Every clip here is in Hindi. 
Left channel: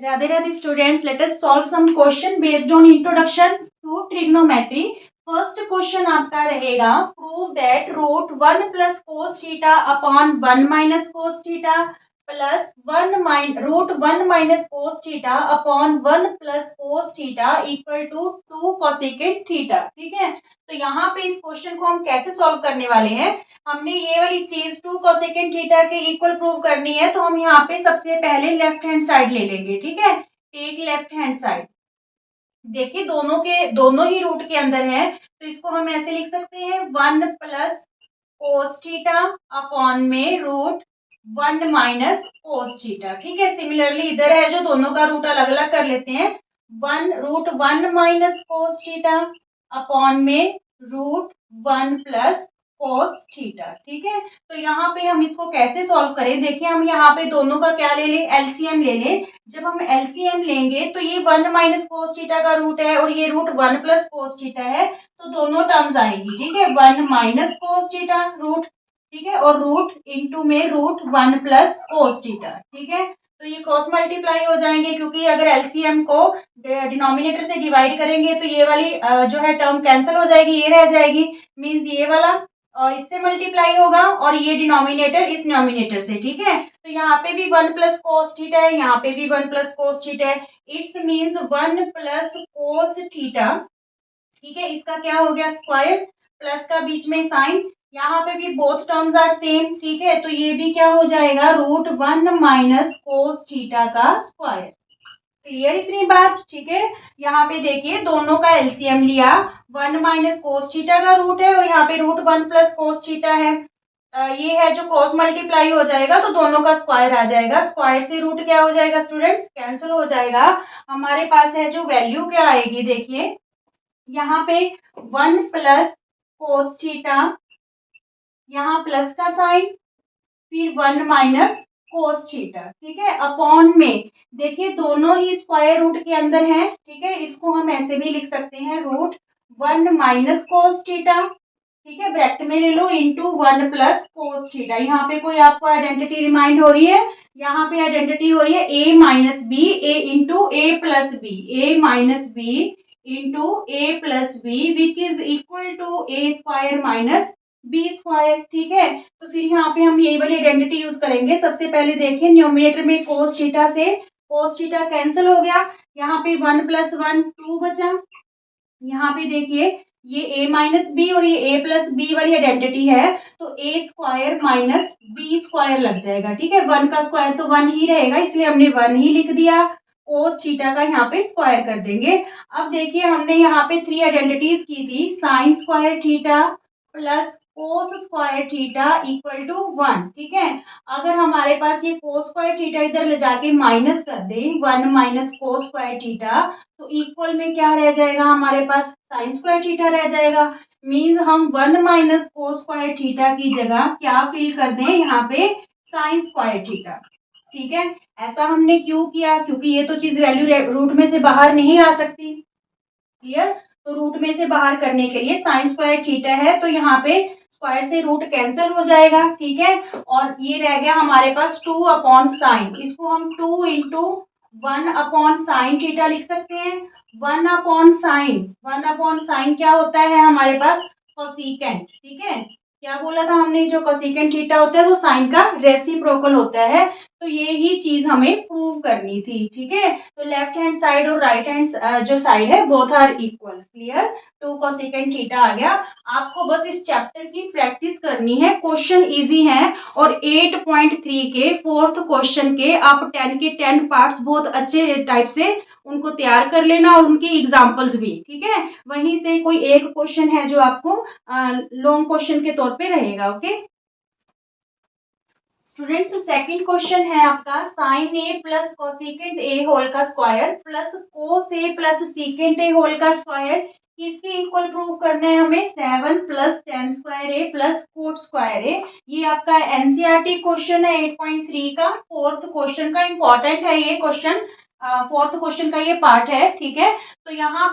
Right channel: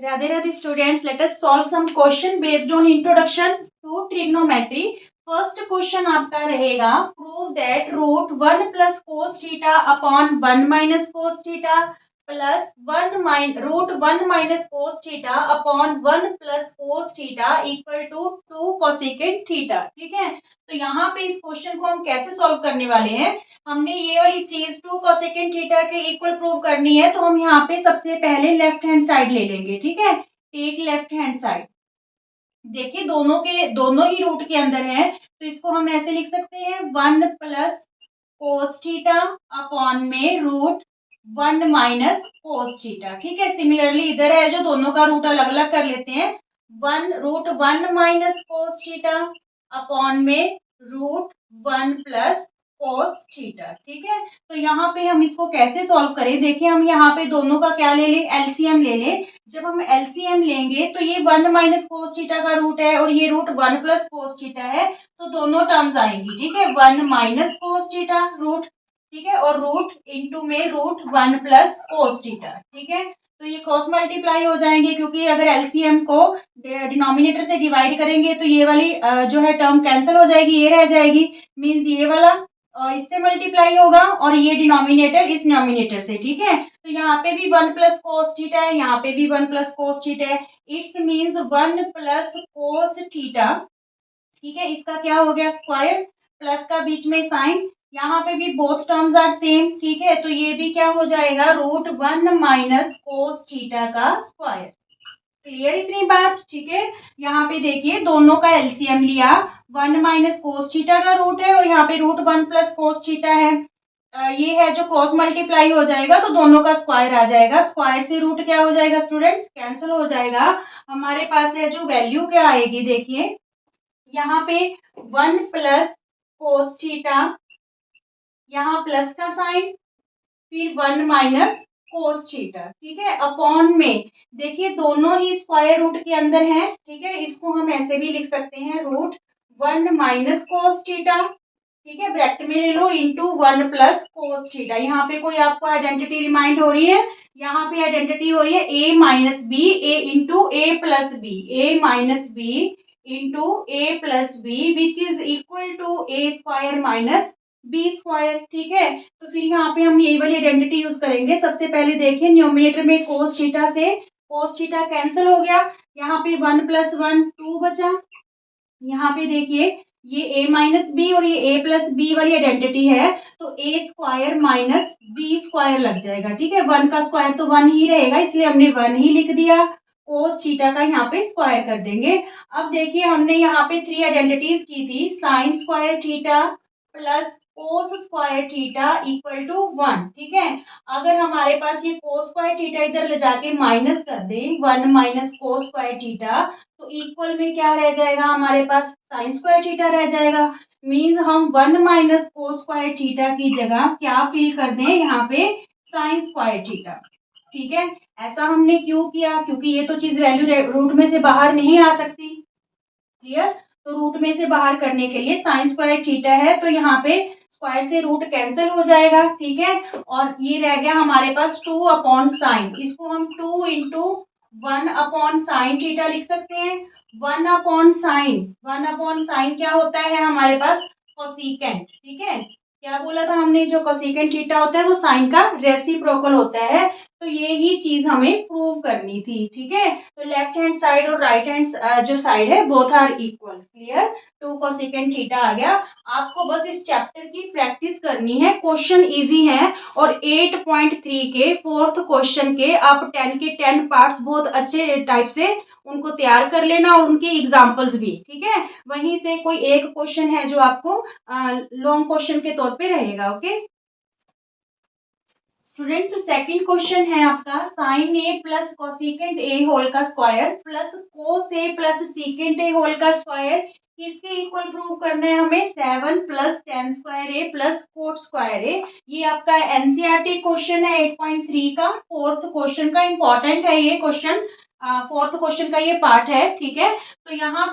Radhe Radhe students, let us solve some question based on introduction to trigonometry. First question आपका रहेगा, prove that root one plus cos theta upon one minus cos theta plus root one minus cos theta upon one plus cos theta equal to two cosecant theta. ठीक है, तो यहाँ पे इस क्वेश्चन को हम कैसे सॉल्व करने वाले हैं, हमने ये वाली चीज टू कोसेकेंट थीटा के इक्वल प्रूव करनी है, तो हम यहाँ पे सबसे पहले लेफ्ट हैंड साइड ले लेंगे। ठीक है, टेक लेफ्ट हैंड साइड। देखिए दोनों ही रूट के अंदर है, तो इसको हम ऐसे लिख सकते हैं, one plus cos theta upon में root one minus cos theta. ठीक है, सिमिलरली इधर है जो दोनों का रूट अलग अलग कर लेते हैं, one root one minus cos theta upon में root one plus cos theta. ठीक है, तो यहाँ पे हम इसको कैसे सॉल्व करें, देखिए हम यहाँ पे दोनों का क्या ले लें, एलसीएम ले लें। जब हम एलसीएम लेंगे तो ये वन माइनस कोस थीटा का रूट है और ये root one plus cos theta है, तो दोनों टर्म्स आएंगी। ठीक है, one minus cos theta root, ठीक है, और रूट इंटू में root one plus cos theta. ठीक है, तो ये क्रॉस मल्टीप्लाई हो जाएंगे, क्योंकि अगर एलसीएम को डिनोमिनेटर से डिवाइड करेंगे तो ये वाली जो है टर्म कैंसिल हो जाएगी, ये रह जाएगी। मीन्स ये वाला इससे मल्टीप्लाई होगा और ये डिनोमिनेटर इस डिनोमिनेटर से। ठीक है, तो यहाँ पे भी वन प्लस कोस थीटा है, यहाँ पे भी वन प्लस कोस थीटा है। It's means one plus cos theta. ठीक है, इसका क्या हो गया, स्क्वायर, प्लस का बीच में साइन, यहाँ पे भी बोथ टर्म्स आर सेम। ठीक है, तो ये भी क्या हो जाएगा, root one minus cos theta का स्क्वायर। क्लियर इतनी बात। ठीक है, यहाँ पे देखिए दोनों का एलसीएम लिया, वन माइनस कोस थीटा का रूट है और यहाँ पे root one plus cos theta है। ये है जो क्रॉस मल्टीप्लाई हो जाएगा तो दोनों का स्क्वायर आ जाएगा, स्क्वायर से रूट क्या हो जाएगा स्टूडेंट्स, कैंसिल हो जाएगा। हमारे पास है जो वैल्यू क्या आएगी, देखिए यहाँ पे वन प्लस कोस थीटा, यहाँ प्लस का साइन, फिर वन माइनस कोस थीटा। ठीक है, अपॉन में देखिए दोनों ही स्क्वायर रूट के अंदर हैं। ठीक है, इसको हम ऐसे भी लिख सकते हैं, root one minus cos theta, ठीक है, ब्रैकेट में ले लो, into one plus cos theta. यहाँ पे कोई आपको आइडेंटिटी रिमाइंड हो रही है, यहाँ पे आइडेंटिटी हो रही है A minus B, A into A plus B, A minus B into A plus B which is equal to A square minus B square. ठीक है, तो फिर यहाँ पे हम यही वाली आइडेंटिटी यूज करेंगे। सबसे पहले देखिए न्यूमरेटर में कोस थीटा से कोस थीटा कैंसिल हो गया, यहाँ पे वन प्लस वन टू बचा। यहाँ पे देखिए ये a माइनस बी और ये a प्लस बी वाली आइडेंटिटी है, तो a square minus B square लग जाएगा। ठीक है, वन का स्क्वायर तो वन ही रहेगा, इसलिए हमने वन ही लिख दिया, कोस थीटा का यहाँ पे स्क्वायर कर देंगे। अब देखिए हमने यहाँ पे थ्री आइडेंटिटीज की थी, sine square theta plus cos square theta equal to one. ठीक है, अगर हमारे पास ये कोस स्क्वायर थीटा इधर ले जाके माइनस कर दे, one minus cos square theta, तो इक्वल में क्या रह जाएगा, हमारे पास साइन स्क्वायर थीटा रह जाएगा। मीन्स हम one minus cos square theta की जगह क्या फिल कर दें, यहाँ पे साइन स्क्वायर थीटा। ठीक है, ऐसा हमने क्यों किया, क्योंकि ये तो चीज वैल्यू रूट में से बाहर नहीं आ सकती। क्लियर, तो रूट में से बाहर करने के लिए साइन स्क्वायर थीटा है, तो यहाँ पे स्क्वायर से रूट कैंसिल हो जाएगा। ठीक है, और ये रह गया हमारे पास टू अपॉन साइन, इसको हम two into one upon sine theta लिख सकते हैं। वन अपॉन साइन क्या होता है हमारे पास, कोसिकेंट। ठीक है, क्या बोला था हमने, जो कोसिकेंट थीटा होता है वो साइन का रेसिप्रोकल होता है, तो ये ही चीज हमें प्रूव करनी थी। ठीक है, तो लेफ्ट हैंड साइड और राइट हैंड जो साइड है both are equal. Clear, two cosecant theta आ गया। आपको बस इस चैप्टर की प्रैक्टिस करनी है, क्वेश्चन इजी है, और 8.3 के फोर्थ क्वेश्चन के आप 10 के 10 पार्ट्स बहुत अच्छे टाइप से उनको तैयार कर लेना और उनके एग्जाम्पल्स भी। ठीक है, वहीं से कोई एक क्वेश्चन है जो आपको लॉन्ग क्वेश्चन के तौर पे रहेगा। ओके स्टूडेंट्स, सेकंड क्वेश्चन है आपका, sine A plus cosecant A whole का square plus cos A plus secant A whole का स्क्वायर, किसके इक्वल प्रूव करना है हमें, seven plus tan square A plus cot square A. ये आपका एनसीईआरटी क्वेश्चन है 8.3 का, फोर्थ क्वेश्चन का, इंपॉर्टेंट है ये क्वेश्चन, फोर्थ क्वेश्चन का ये पार्ट है। ठीक है, तो यहाँ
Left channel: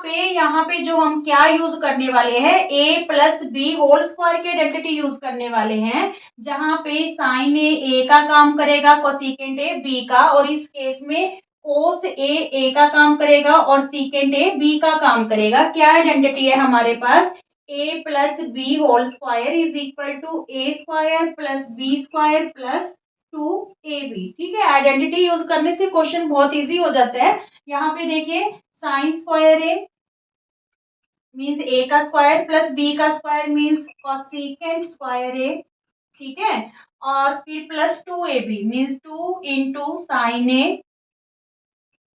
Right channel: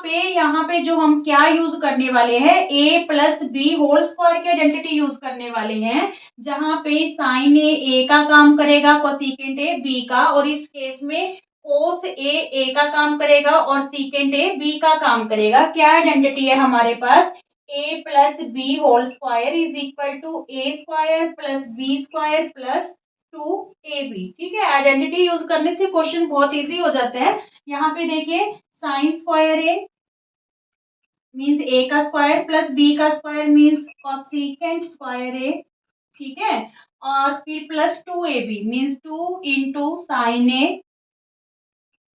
पे जो हम क्या यूज करने वाले हैं, a plus B whole square की आइडेंटिटी यूज करने वाले हैं, जहां पे साइन ए का काम करेगा, कोसिकेंट ए बी का, और इस केस में कोस ए का काम करेगा और सीकेंट ए बी का काम करेगा। क्या आइडेंटिटी है हमारे पास, A plus B whole square is equal to A square plus B square plus 2ab। ठीक है, आइडेंटिटी यूज करने से क्वेश्चन बहुत इजी हो जाता है। यहाँ पे देखिए sine square A means A का स्क्वायर प्लस बी का square means cosecant square A. ठीक है, और फिर plus 2ab means 2 into sine A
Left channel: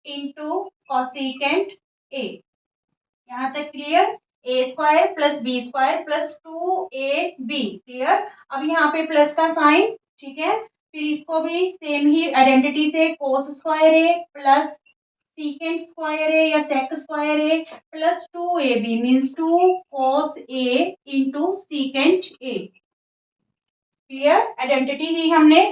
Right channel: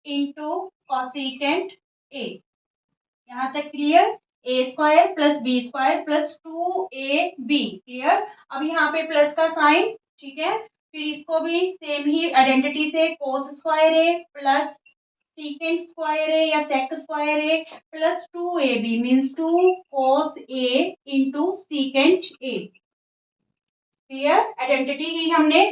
into cosecant A. यहाँ तक clear, A square plus B square plus 2ab clear. अब यहाँ पे प्लस का साइन, ठीक है, फिर इसको भी सेम ही आइडेंटिटी से cos square A plus secant square A या sec square A plus 2ab means 2 cos A into secant A. Clear, identity ही हमने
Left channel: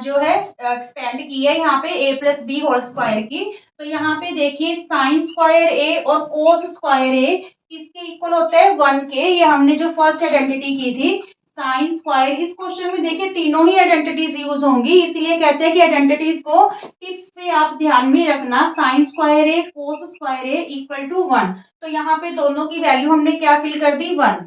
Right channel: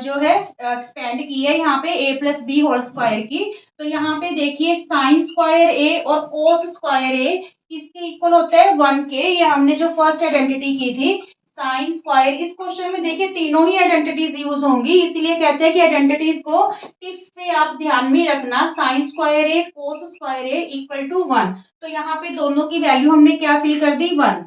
जो है एक्सपेंड की है यहाँ पे a plus B whole square की। तो यहाँ पे देखिए साइन स्क्वायर ए और कोस स्क्वायर ए किसके इक्वल होता है, 1 के। ये हमने जो फर्स्ट आइडेंटिटी की थी साइन स्क्वायर, इस क्वेश्चन में देखिए तीनों ही आइडेंटिटीज यूज होंगी, इसीलिए कहते हैं कि आइडेंटिटीज को टिप्स पे आप ध्यान में रखना। Sine square a cos square A equal to 1, तो यहाँ पे दोनों की वैल्यू हमने क्या फिल कर दी, 1।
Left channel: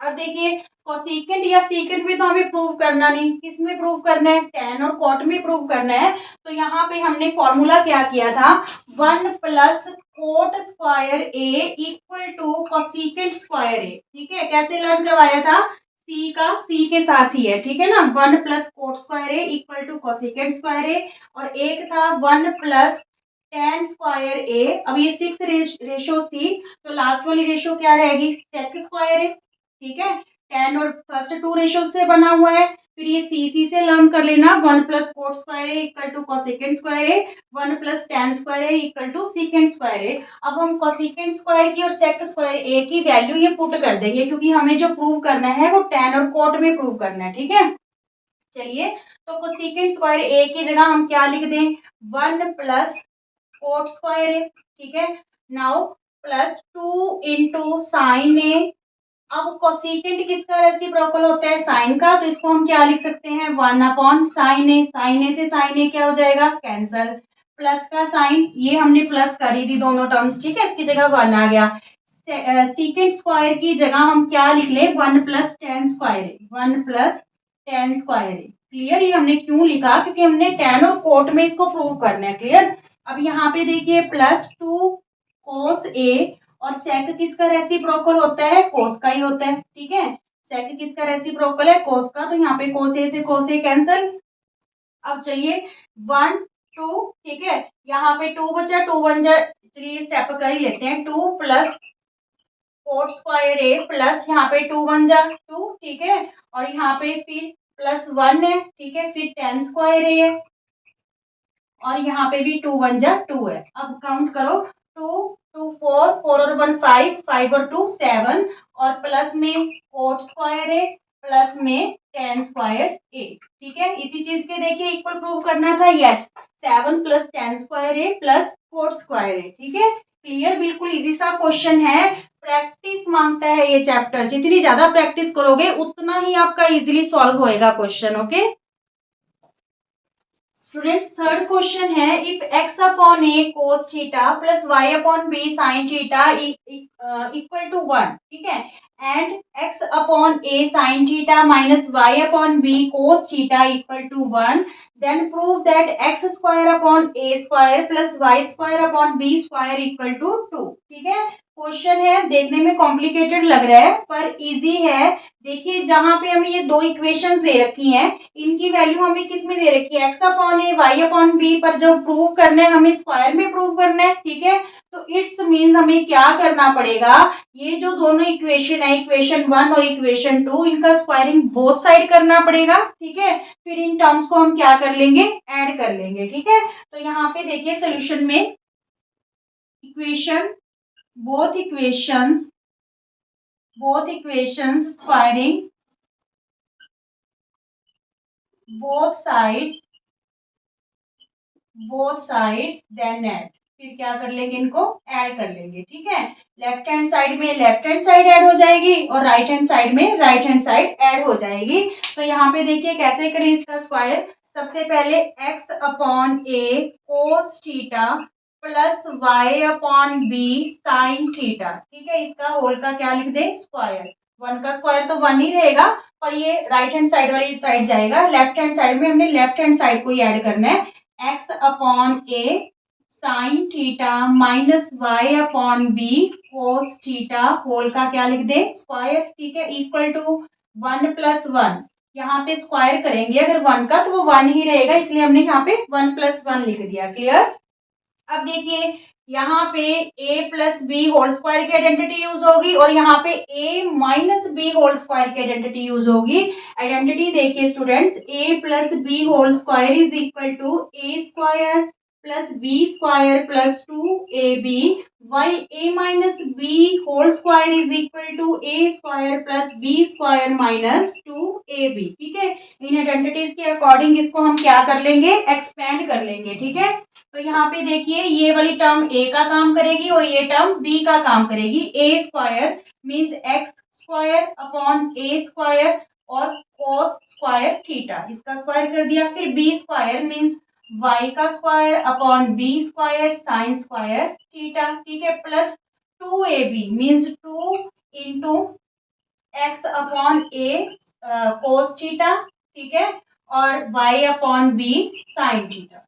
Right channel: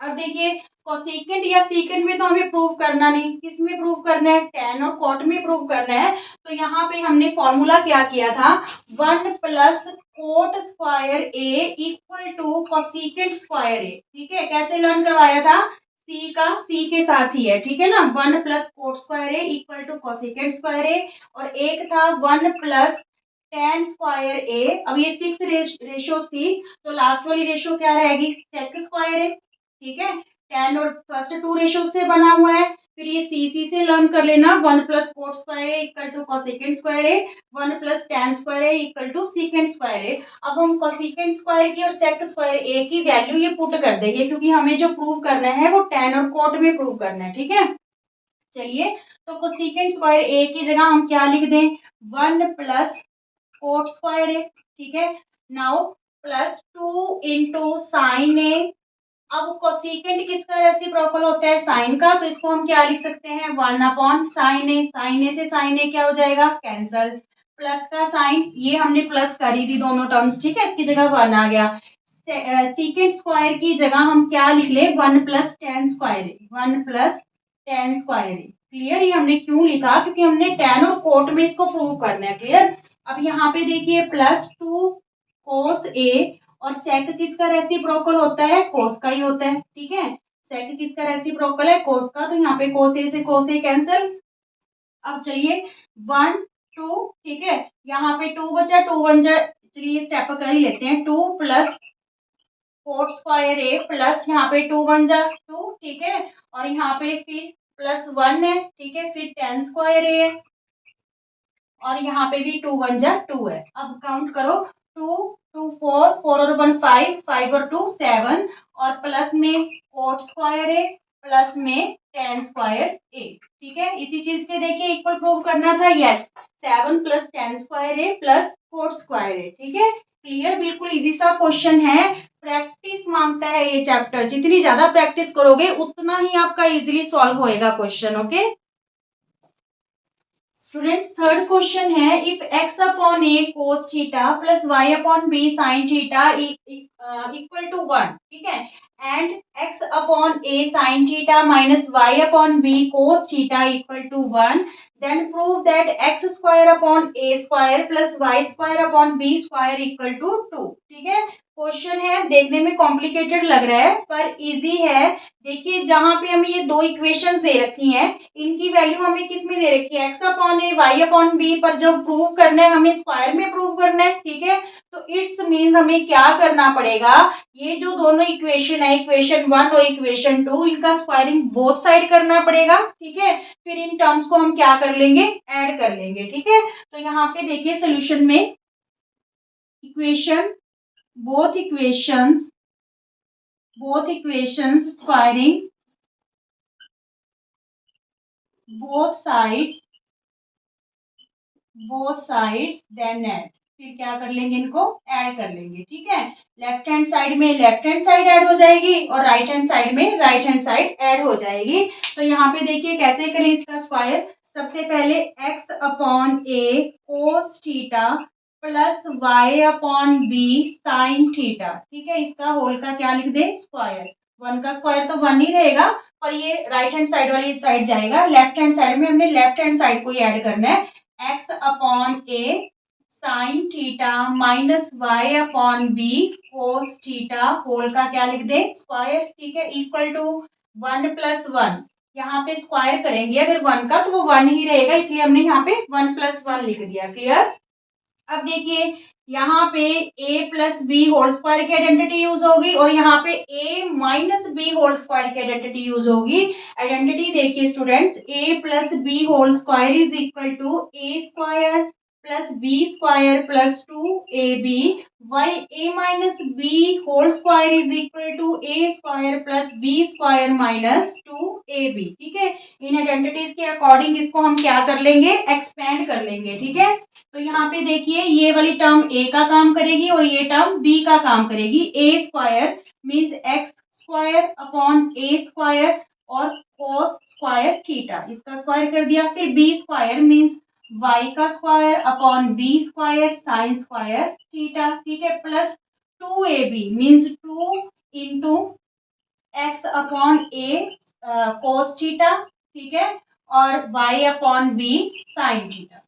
अब देखिए कोसिकेंट या सीकेंट में तो हमें प्रूव करना नहीं, किस में प्रूव करना है, टेन और कॉट में प्रूव करना है। तो यहाँ पे हमने फॉर्मूला क्या किया था, 1 plus cot square A equal to cosecant square A. ठीक है, कैसे लर्न करवाया था, सी का सी के साथ ही है, ठीक है ना। 1 plus cot square A equal to cosecant square A, और एक था 1 प्लस टेन स्क्वायर ए। अब ये 6 रेशो थी, तो लास्ट वाली रेशो क्या रहेगी, सेक स्क्वायर ए। ठीक है, टेन और फर्स्ट 2 रेशो से बना हुआ है। फिर ये सी से लर्न कर लेना, 1 plus cot square A equal to cosecant square A, 1 plus tan square A equal to secant square A. अब हम कोसिकेंट स्क्वायर की और सेक स्क्वायर ए की वैल्यू ये पुट कर देंगे, क्योंकि हमें जो प्रूव करना है वो टेन और कोट में प्रूव करना है। ठीक है, चलिए, तो कोसिकेंट स्क्वायर ए की जगह हम क्या लिख दें, 1 प्लस कोट स्क्वायर ए। ठीक है, नाउ प्लस 2 इंटू साइन ए। अब कोसिकेंट किसका रेसिप्रोकल होता है, साइन का, तो इसको हम क्या लिख सकते हैं, 1 अपॉन साइन ए। साइन ए से साइन ए क्या हो जाएगा, कैंसल। प्लस का साइन, ये हमने प्लस कर ही दी दोनों टर्म्स, ठीक है, इसकी जगह 1 आ गया। सीकेंट स्क्वायर की जगह हम क्या लिख ले, 1 plus tan square A, 1 plus tan square A. Clear, ये हमने क्यों लिखा, क्योंकि हमने टेन और कोट में इसको प्रूव करना है। क्लियर, अब यहाँ पे देखिए प्लस 2 कोस ए, और सेक किसका रेसिप्रोकल होता है, कोस का ही होता है। ठीक है, सेक किसका रेसिप्रोकल है, कोस का, तो यहाँ पे कोस ए से कोस ए कैंसल। अब चलिए 1 2, ठीक है, यहाँ पे 2 बचा, 2 1 जा, चलिए स्टेप कर ही लेते हैं, 2 plus cot square A plus यहाँ पे 2 1 जा 2, ठीक है, और यहाँ पे फिर प्लस 1 है, ठीक है, फिर टेन स्क्वायर ए है, और यहाँ पे भी 2 1 जा 2 है। अब काउंट करो, 2 2 4 4 और 1 5 5 और 2 7, और प्लस में कोट स्क्वायर है प्लस में टेन स्क्वायर ए। ठीक है, इसी चीज के देखिए इक्वल प्रूव करना था, yes, 7 plus tan square A plus cot square A. ठीक है, क्लियर, बिल्कुल इजी सा क्वेश्चन है। प्रैक्टिस मांगता है ये चैप्टर, जितनी ज्यादा प्रैक्टिस करोगे उतना ही आपका इजीली सॉल्व होएगा question. Okay students, third question है, if x upon A cos theta plus y upon B sine theta equal to 1, ठीक है, and x upon A sine theta minus y upon B cos theta equal to 1, then prove that x square upon A square plus y square upon B square equal to 2। ठीक है, क्वेश्चन है, देखने में कॉम्प्लिकेटेड लग रहा है पर इजी है। देखिए जहां पे हमें ये दो इक्वेशंस दे रखी हैं, इनकी वैल्यू हमें किस में दे रखी है, एक्स अपॉन ए वाई अपॉन बी, पर जब प्रूव करना है हमें स्क्वायर में प्रूव करना है। ठीक है, तो इट्स मीन्स हमें क्या करना पड़ेगा, ये जो दोनों इक्वेशन है, इक्वेशन 1 और इक्वेशन 2, इनका स्क्वायरिंग बोथ साइड करना पड़ेगा। ठीक है, फिर इन टर्म्स को हम क्या कर लेंगे, ऐड कर लेंगे। ठीक है, तो यहाँ पे देखिए सोल्यूशन में equation both equations squaring both sides then add, फिर क्या कर लेंगे, इनको ऐड कर लेंगे। ठीक है, लेफ्ट हैंड साइड में लेफ्ट हैंड साइड ऐड हो जाएगी और राइट हैंड साइड में राइट हैंड साइड ऐड हो जाएगी। तो यहाँ पे देखिए कैसे करें इसका स्क्वायर, सबसे पहले x अपॉन ए cos theta plus y upon B sine theta, ठीक है। इसका होल का क्या लिख दे, स्क्वायर। वन का स्क्वायर तो वन ही रहेगा, पर ये राइट हैंड साइड वाली साइड जाएगा, लेफ्ट हैंड साइड में हमने लेफ्ट हैंड साइड को ही ऐड करना है। x अपॉन ए sine theta minus Y upon B cos theta whole का क्या लिख दे, स्क्वायर, ठीक है। Equal to one plus one, यहाँ पे स्क्वायर करेंगे अगर वन का तो वो वन ही रहेगा, इसलिए हमने यहाँ पे वन प्लस वन लिख दिया। क्लियर। अब देखिए यहाँ पे a plus B whole square की आइडेंटिटी यूज होगी और यहाँ पे a minus b whole square की आइडेंटिटी यूज होगी। आइडेंटिटी देखिए students, a plus B whole square is equal to a square plus B square plus two A b, why a minus b whole square is equal to a square plus B square minus two A b, ठीक है। इन आइडेंटिटीज के अकॉर्डिंग इसको हम क्या कर लेंगे, एक्सपेंड कर लेंगे, ठीक है। तो यहाँ पे देखिए ये वाली टर्म a का काम करेगी और ये टर्म b का काम करेगी। a square means x square upon A square और कोस स्क्वायर थीटा, इसका स्क्वायर कर दिया। फिर b स्क्वायर मीन्स y का square upon b square sine square theta, ठीक है। प्लस टू ए b means two into x upon ए कोस थीटा, ठीक है, और y upon B sine theta.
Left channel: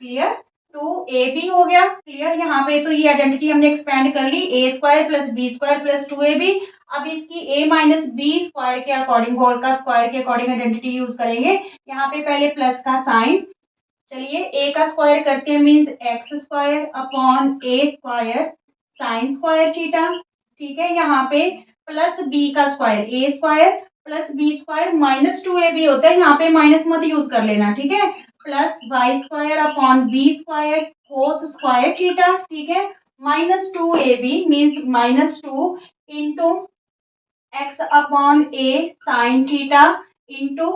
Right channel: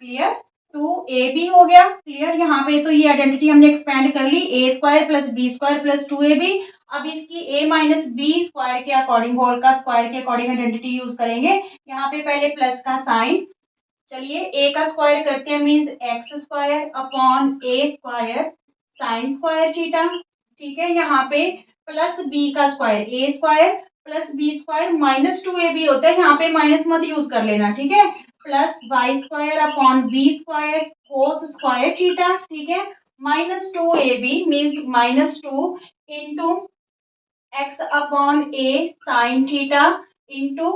Clear. Two ए बी हो गया। क्लियर। यहाँ पे तो ये आइडेंटिटी हमने एक्सपेंड कर ली, A square plus B square plus two A B. अब इसकी a माइनस बी स्क्वायर के अकॉर्डिंग, होल का स्क्वायर के अकॉर्डिंग आइडेंटिटी यूज करेंगे। यहाँ पे पहले प्लस का साइन, चलिए a का स्क्वायर करते हैं मीन्स एक्स स्क्वायर अपॉन ए स्क्वायर साइन स्क्वायर थीटा, ठीक है। यहाँ पे प्लस b का square, a square plus B square minus two A b होता है, यहाँ पे माइनस मत यूज कर लेना, ठीक है। Plus y square upon B square cos square theta, ठीक है, माइनस टू ए b means minus two into x upon ए sine theta into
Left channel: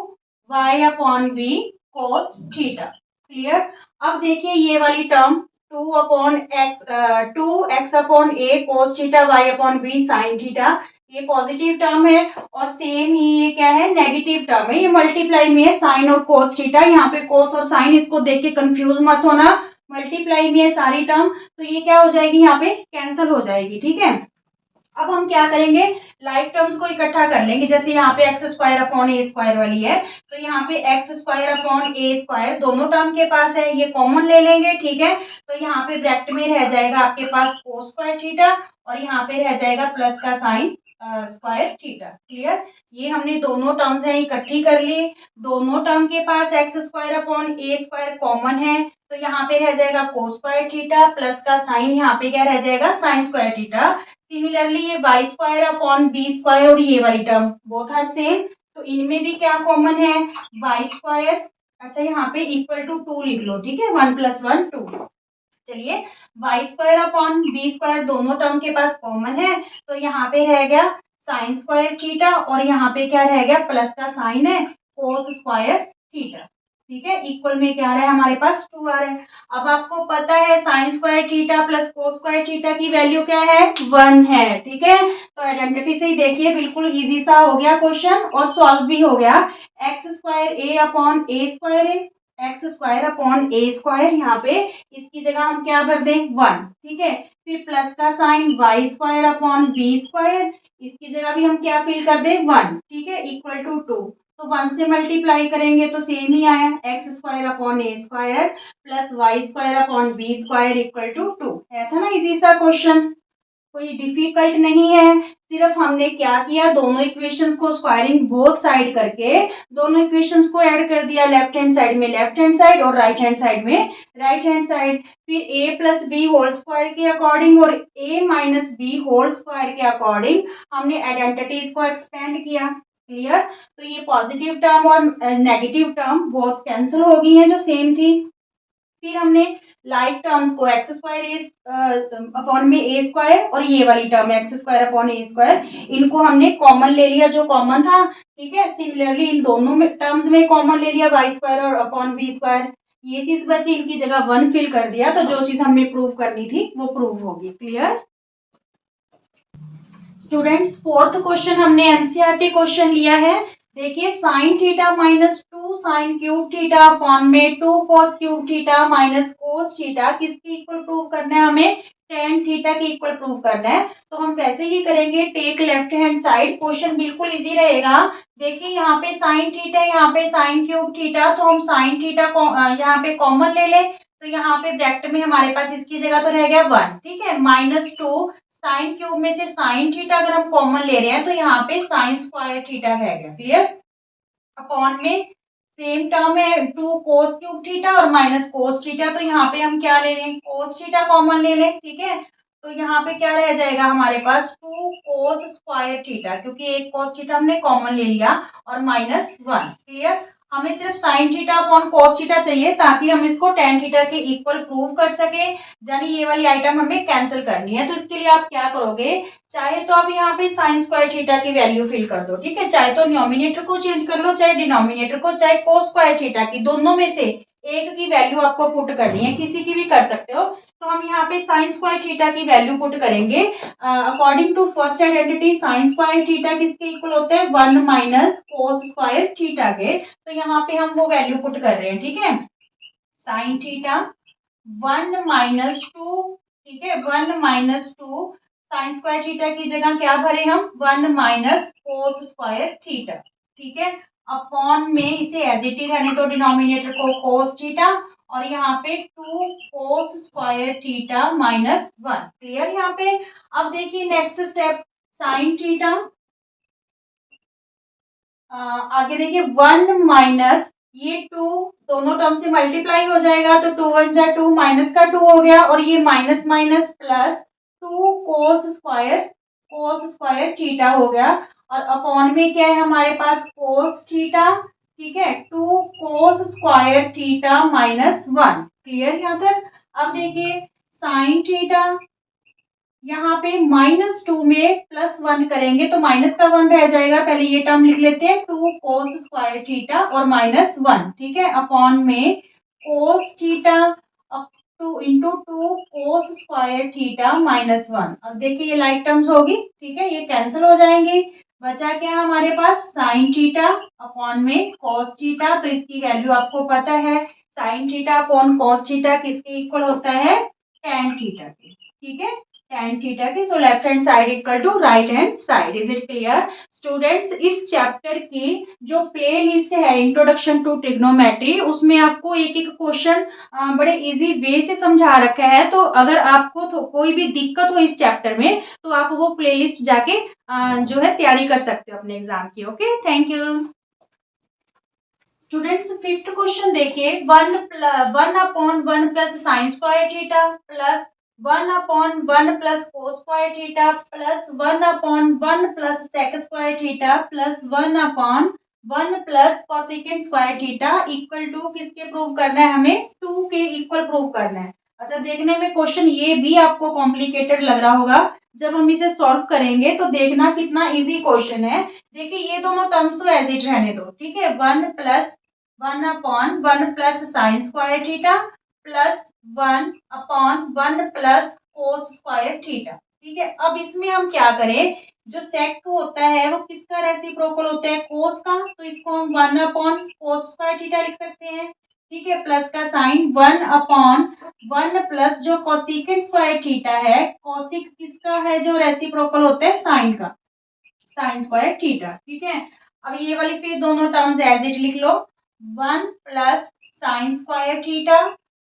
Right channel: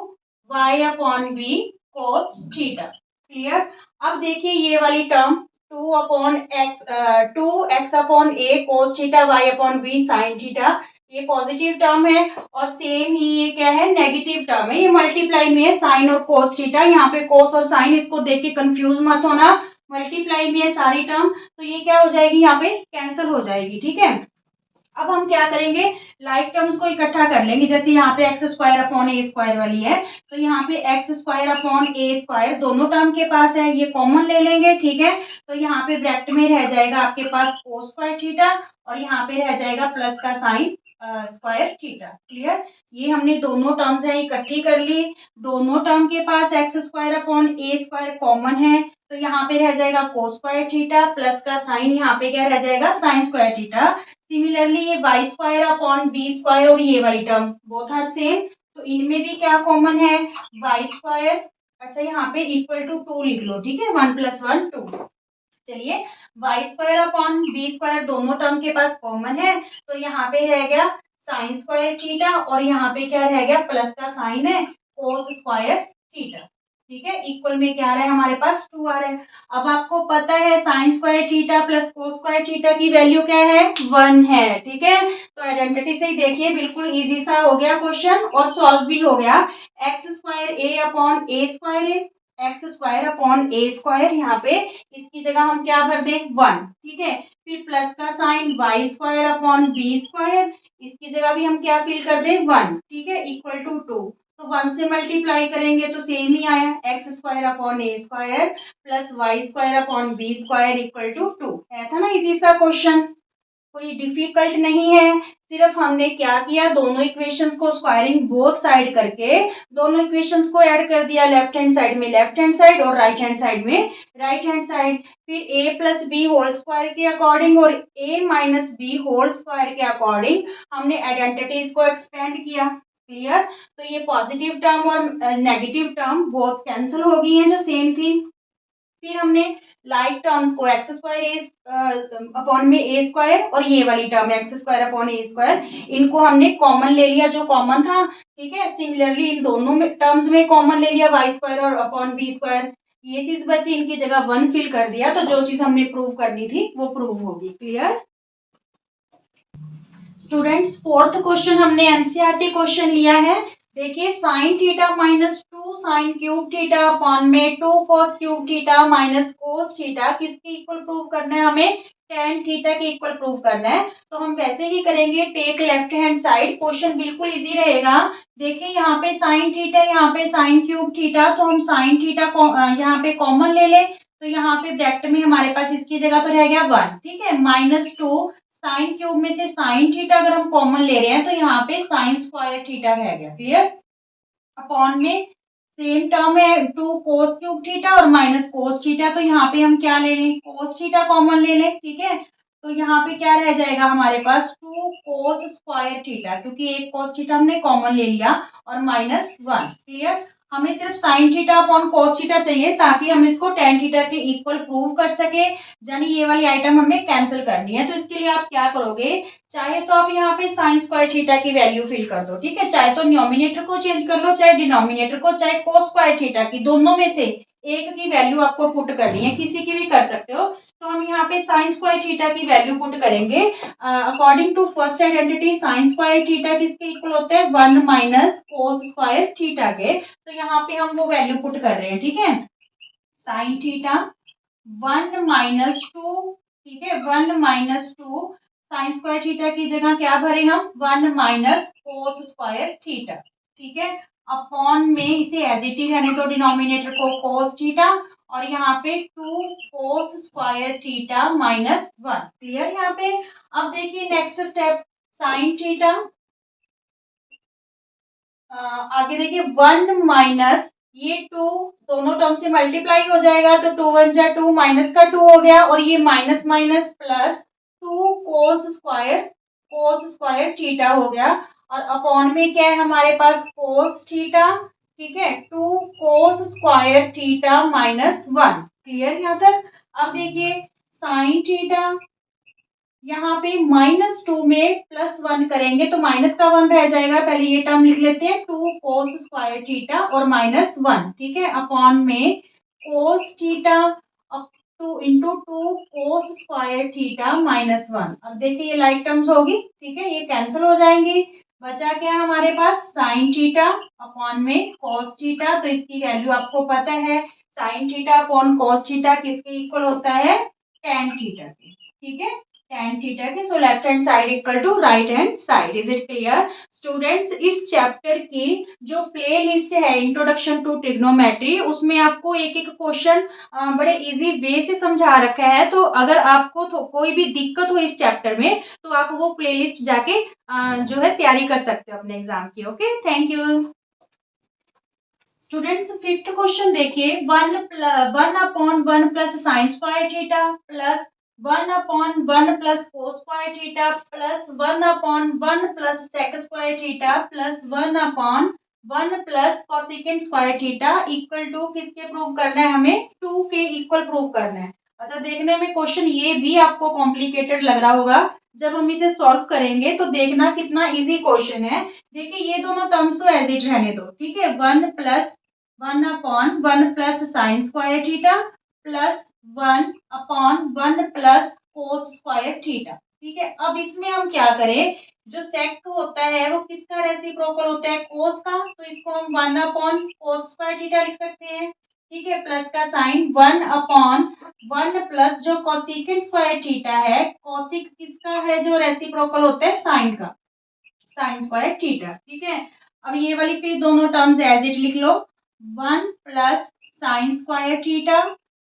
y upon B cos theta. Clear. अब देखिए ये वाली टर्म टू एक्स अपॉन ए cos theta y upon B sine theta, ये पॉजिटिव टर्म है और सेम ही ये क्या है, नेगेटिव टर्म है। ये मल्टीप्लाई में है साइन और कोस थीटा, यहाँ पे कोस और साइन, इसको देख के कंफ्यूज मत होना, मल्टीप्लाई में है सारी टर्म, तो ये क्या हो जाएगी, यहाँ पे कैंसिल हो जाएगी, ठीक है। अब हम क्या करेंगे, लाइक टर्म्स को इकट्ठा कर लेंगे। जैसे यहाँ पे एक्स स्क्वायर अपॉन ए स्क्वायर वाली है, तो यहाँ पे एक्स स्क्वायर अपॉन ए स्क्वायर दोनों टर्म के पास है, ये कॉमन ले लेंगे, ठीक है। तो यहाँ पे ब्रैकेट में रह जाएगा आपके पास कोस स्क्वायर थीटा और यहाँ पे रह जाएगा प्लस का साइन स्क्वायर थीटा। क्लियर। ये हमने दोनों टर्म्स है इकट्ठी कर ली, दोनों टर्म के पास एक्स स्क्वायर अपॉन ए स्क्वायर कॉमन है, तो यहाँ पे रह जाएगा कोस स्क्वायर थीटा प्लस का साइन, यहाँ पे क्या रह जाएगा, साइन स्क्वायर थीटा। सिमिलरली ये y square upon B square और ये वाली टर्म बोथ आर सेम, तो इनमें भी क्या कॉमन है, वाई स्क्वायर। अच्छा यहाँ पे इक्वल टू टू लिख लो, ठीक है, वन प्लस वन टू। चलिए y square upon B square दोनों टर्म के पास कॉमन है, तो यहाँ पे रह गया साइन स्क्वायर थीटा और यहाँ पे क्या रह गया, प्लस का साइन है कोस स्क्वायर थीटा, ठीक है। इक्वल में क्या आ रहा है हमारे पास, टू आ रहा है। अब आपको पता है sign square theta plus cos square theta की वैल्यू क्या है, वन है, ठीक है। तो आइडेंटिटी से ही देखिए बिल्कुल इजी सा हो गया क्वेश्चन और सॉल्व भी हो गया। X square a upon A square है, एक्स स्क्वायर अपॉन ए स्क्वायर, यहाँ पे इसकी जगह हम क्या भर दें, वन, ठीक है। फिर प्लस का sine y square upon B square, इसकी जगह भी हम क्या फिल कर दें, वन, ठीक है, इक्वल टू टू। तो वन से मल्टीप्लाई करेंगे तो सेम ही आया, x square upon A square plus y square upon B square equal to two. है था ना इजी सा क्वेश्चन, कोई डिफिकल्ट नहीं है। सिर्फ हमने क्या किया, दोनों इक्वेशंस को स्क्वायरिंग बोथ साइड करके दोनों इक्वेशंस को ऐड कर दिया, लेफ्ट हैंड साइड में लेफ्ट हैंड साइड और राइट हैंड साइड में राइट हैंड साइड। फिर a plus B whole square के अकॉर्डिंग और a minus b whole square के अकॉर्डिंग हमने आइडेंटिटीज को एक्सपेंड किया। क्लियर। तो ये पॉजिटिव टर्म और नेगेटिव टर्म बहुत कैंसिल हो गई हैं जो सेम थी। फिर हमने लाइक टर्म्स को एक्स स्क्वायर ए अपॉन में ए स्क्वायर और ये वाली टर्म एक्स स्क्वायर अपॉन ए स्क्वायर, इनको हमने कॉमन ले लिया जो कॉमन था, ठीक है। सिमिलरली इन दोनों में टर्म्स में कॉमन ले लिया वाई स्क्वायर और अपॉन बी स्क्वायर, ये चीज बची, इनकी जगह वन फिल कर दिया, तो जो चीज हमने प्रूव करनी थी वो प्रूव होगी। क्लियर। स्टूडेंट्स फोर्थ क्वेश्चन हमने एनसीईआरटी क्वेश्चन लिया है। देखिए sine theta minus two two sine cube theta upon में two cos cube theta minus cos theta किसके इक्वल प्रूव करना है हमें, टेन थीटा के इक्वल प्रूव करना है। तो हम वैसे ही करेंगे, take left hand side, question बिल्कुल इजी रहेगा। देखिए यहाँ पे साइन थीटा, यहाँ पे साइन क्यूब थीटा, तो हम साइन थीटा यहाँ पे कॉमन ले लें, तो यहाँ पे ब्रैकेट में हमारे पास इसकी जगह तो रह गया वन, ठीक है, माइनस टू साइन क्यूब में से साइन थीटा अगर हम कॉमन ले रहे हैं तो यहाँ पे साइन स्क्वायर थीटा रह गया, क्लियर। अपॉन में सेम टर्म है टू कोस क्यूब थीटा और माइनस कोस थीटा, तो यहाँ पे हम क्या ले लें, कोस थीटा कॉमन ले लें, ठीक है। तो यहाँ पे क्या रह जाएगा हमारे पास, टू कोस स्क्वायर थीटा, क्योंकि एक कोस थीटा हमने कॉमन ले लिया, और माइनस वन, क्लियर। हमें सिर्फ sine theta upon cos theta चाहिए ताकि हम इसको टेन थीटा के इक्वल प्रूव कर सके, यानी ये वाली आइटम हमें कैंसिल करनी है। तो इसके लिए आप क्या करोगे, चाहे तो आप यहाँ पे साइन स्क्वायर थीटा की वैल्यू फिल कर दो, ठीक है, चाहे तो न्यूमिनेटर को चेंज कर लो, चाहे डिनोमिनेटर को, चाहे कोस स्क्वायर थीटा की, दोनों में से एक की वैल्यू आपको पुट करनी है, किसी की भी कर सकते हो। तो हम यहाँ पे साइन स्क्वायर थीटा की वैल्यू पुट करेंगे। According to first identity sine square theta किसके इक्वल होते हैं, one minus cos square theta के। तो यहाँ पे हम वो वैल्यू पुट कर रहे हैं, ठीक है, sine theta one minus two, ठीक है, one minus two sign square theta की जगह क्या भरे हम, one minus cos square theta, ठीक है, अपॉन में इसे एज इट इज रहने दो, डिनोमिनेटर को कोस थीटा, और यहाँ पे two cos square theta minus one, clear यहाँ पे। अब देखिए नेक्स्ट स्टेप, साइन थीटा, आगे देखिए वन माइनस ये टू दोनों टर्म से मल्टीप्लाई हो जाएगा, तो टू वन जा टू, माइनस का टू हो गया, और ये minus minus plus two cos square theta हो गया, और अपॉन में क्या है हमारे पास, कोस थीटा, ठीक है, two cos square theta minus one, clear यहाँ तक। अब देखिए साइन थीटा, यहाँ पे माइनस टू में प्लस वन करेंगे तो माइनस का वन रह जाएगा, पहले ये टर्म लिख लेते हैं, टू कोस स्क्वायर थीटा और माइनस वन, ठीक है, अपॉन में cos theta up two into two cos square theta minus one. अब देखिए ये लाइक टर्म्स होगी, ठीक है, ये कैंसिल हो जाएंगी, बचा क्या हमारे पास, साइन थीटा अपॉन में कोस थीटा, तो इसकी वैल्यू आपको पता है, साइन थीटा अपॉन कोस थीटा किसके इक्वल होता है, टेन थीटा के, ठीक है, tan थीटा की। So left hand side equal to right hand side, is it clear students. इस चैप्टर की जो प्ले लिस्ट है इंट्रोडक्शन टू ट्रिग्नोमेट्री, उसमें आपको एक एक क्वेश्चन बड़े इजी वे से समझा रखा है, तो अगर आपको तो कोई भी दिक्कत हो इस चैप्टर में तो आप वो प्ले लिस्ट जाके जो है तैयारी कर सकते हो अपने एग्जाम की। Okay, thank you students. Fifth question देखिए, one upon one plus sine square theta plus one upon one plus cos square theta plus one upon one plus sec square theta plus one upon one plus cosecant square theta equal to किसके प्रूव करना है, हमें टू के इक्वल प्रूव करना है। अच्छा, देखने में क्वेश्चन ये भी आपको कॉम्प्लिकेटेड लग रहा होगा, जब हम इसे सॉल्व करेंगे तो देखना कितना इजी क्वेश्चन है। देखिए ये दोनों टर्म्स तो एज इट रहने दो, ठीक है, one plus one upon one plus sine square theta plus one upon one plus cos square theta, ठीक है। अब इसमें हम क्या करें, जो सेक होता है वो किसका रेसिप्रोकल होता है, कोस का, तो इसको हम वन अपॉन कोस स्क्वायर थीटा लिख सकते हैं, ठीक है, प्लस का sine one upon one plus जो कोसिकेंट स्क्वायर थीटा है, कोसिक किसका है जो रेसिप्रोकल होता है, साइन का, साइन स्क्वायर थीटा, ठीक है। अब ये वाली फिर दोनों टर्म्स एज इट लिख लो, one plus sine square theta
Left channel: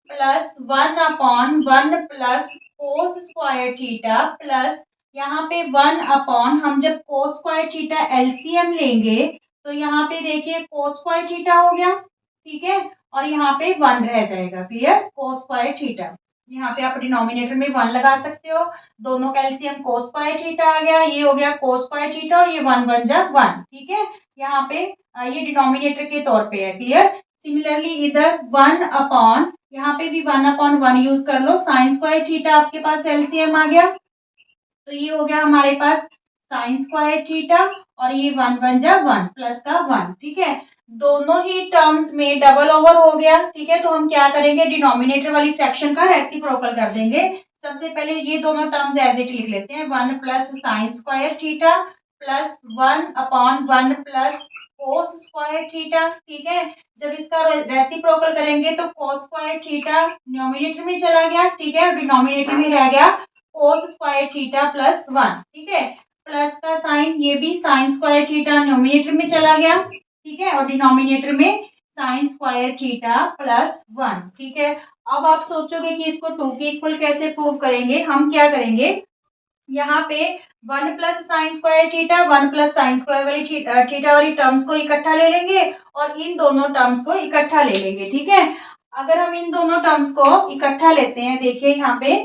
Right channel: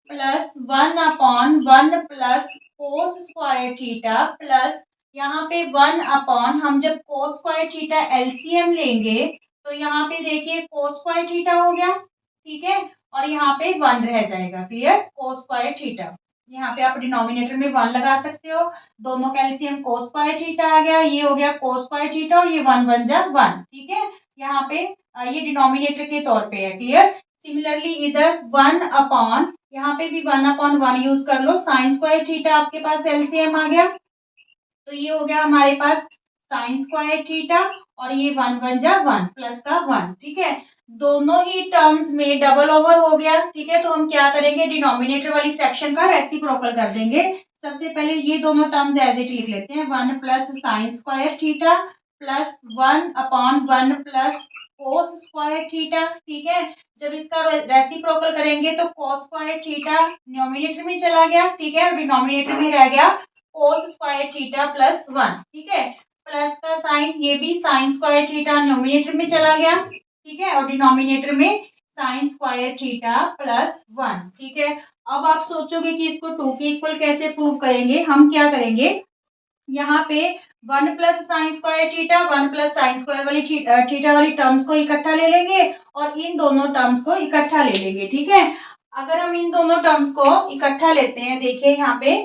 plus one upon one plus cos square theta plus यहाँ पे वन अपॉन, हम जब कोस स्क्वायर थीटा एलसीएम लेंगे तो यहाँ पे देखिए कोस स्क्वायर थीटा हो गया, ठीक है, और यहाँ पे वन रह जाएगा, क्लियर, कोस स्क्वायर थीटा, यहाँ पे आप डिनोमिनेटर में वन लगा सकते हो, दोनों का एलसीएम कोस स्क्वायर थीटा आ गया, ये हो गया कोस स्क्वायर थीटा और ये वन वन जा वन, ठीक है, यहाँ पे ये डिनोमिनेटर के तौर पे है, क्लियर। सिमिलरली इधर वन अपॉन, यहाँ पे भी वन अपॉन वन यूज कर लो, साइन स्क्वायर थीटा आपके पास एलसीएम आ गया, तो ये हो गया हमारे पास साइन स्क्वायर थीटा और ये वन वन जा वन प्लस का वन, ठीक है, दोनों ही टर्म्स में डबल ओवर हो गया, ठीक है। तो हम क्या करेंगे, डिनोमिनेटर वाली फ्रैक्शन का रेसिप्रोकल कर देंगे। सबसे पहले ये दोनों टर्म्स एज इट लिख लेते हैं, one plus sine square theta plus one upon one plus cos square theta, ठीक है। जब इसका रेसिप्रोकल करेंगे तो कोस स्क्वायर थीटा न्यूमरेटर में चला गया, ठीक है, और डिनोमिनेटर में रह गया कोस स्क्वायर थीटा प्लस 1, ठीक है। प्लस का साइन, ये भी साइन स्क्वायर थीटा न्यूमरेटर में चला गया, ठीक है, और डिनोमिनेटर में साइन स्क्वायर थीटा प्लस 1, ठीक है। अब आप सोचोगे कि इसको 2 के इक्वल कैसे प्रूव करेंगे। हम क्या करेंगे, यहाँ पे 1 plus sine square theta, 1 plus sine square वाली थीटा वाली टर्म्स को इकट्ठा ले लेंगे और इन दोनों टर्म्स को इकट्ठा ले लेंगे, ठीक है। अगर हम इन दोनों टर्म्स को इकट्ठा लेते हैं, देखिए यहाँ पे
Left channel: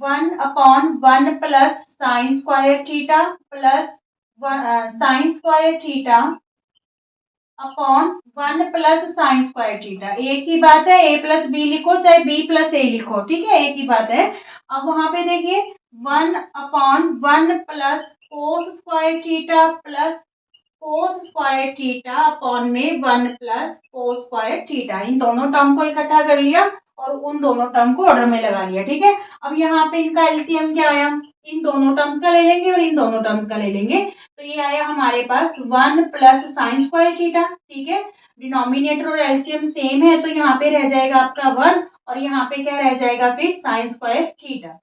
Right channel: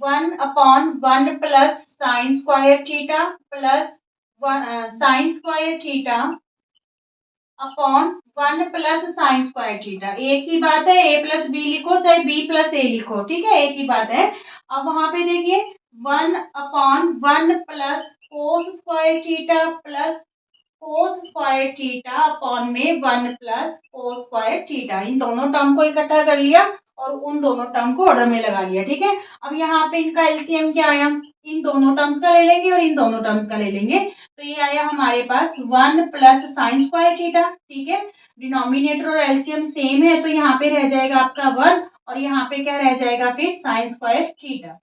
1/1 plus sine square theta plus sine square theta upon 1 plus sine square theta, एक ही बात है, ए प्लस बी लिखो चाहे बी प्लस ए लिखो, ठीक है, एक ही बात है। अब वहां पे देखिए 1/1 plus cos square theta plus cos square theta upon में 1 प्लस कोस स्क्वायर थीटा, इन दोनों टर्म को इकट्ठा कर लिया और उन दोनों टर्म को ऑर्डर में लगा लिया, ठीक है। अब यहाँ पे इनका एलसीएम क्या आया, इन दोनों टर्म्स का ले लेंगे और इन दोनों टर्म्स का ले लेंगे, तो ये आया हमारे पास 1 प्लस साइन स्क्वायर थीटा, ठीक है। डिनोमिनेटर और एलसीएम सेम है तो यहाँ पे रह जाएगा आपका 1 और यहाँ पे क्या रह जाएगा फिर साइन स्क्वायर थीटा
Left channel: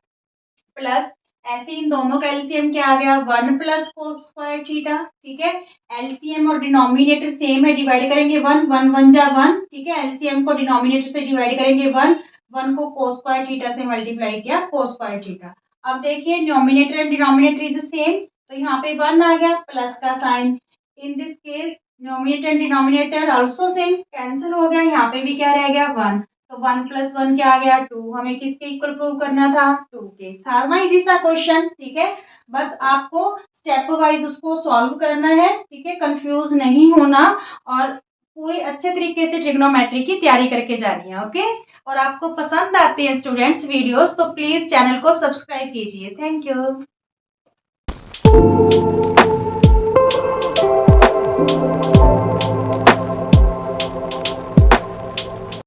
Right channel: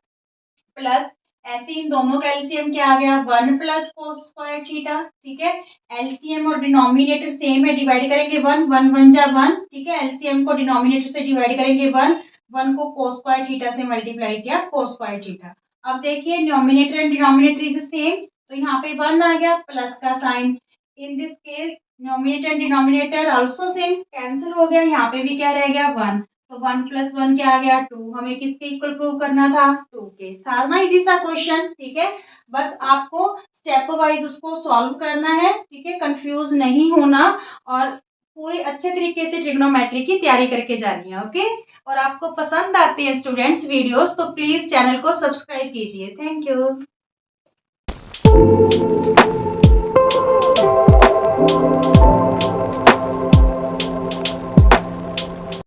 प्लस, ऐसे इन दोनों का एलसीएम क्या आ गया 1 प्लस कोस स्क्वायर थीटा, ठीक है। एलसीएम और डिनोमिनेटर सेम है, डिवाइड करेंगे 1 1 1 जा 1, ठीक है। एलसीएम को डिनोमिनेटर से डिवाइड करेंगे 1 1 को कोस स्क्वायर थीटा से मल्टीप्लाई किया कोस स्क्वायर थीटा। अब देखिए numerator and denominator is same, तो यहाँ पे 1 आ गया प्लस का sign, in this case numerator and denominator also same, cancel हो गया, यहाँ पे भी क्या रह गया 1, तो 1 प्लस 1 क्या आ गया 2, हमें किसके इक्वल प्रूव करना था 2 के, था ना इजी सा क्वेश्चन, ठीक है। बस आपको स्टेप वाइज उसको सॉल्व करना है, ठीक है, कंफ्यूज नहीं होना और पूरी अच्छे तरीके से ट्रिग्नोमेट्री की तैयारी करके जानी है, ओके। और आपको पसंद आती है स्टूडेंट्स वीडियोस तो प्लीज चैनल को सब्सक्राइब कीजिए, थैंक यू।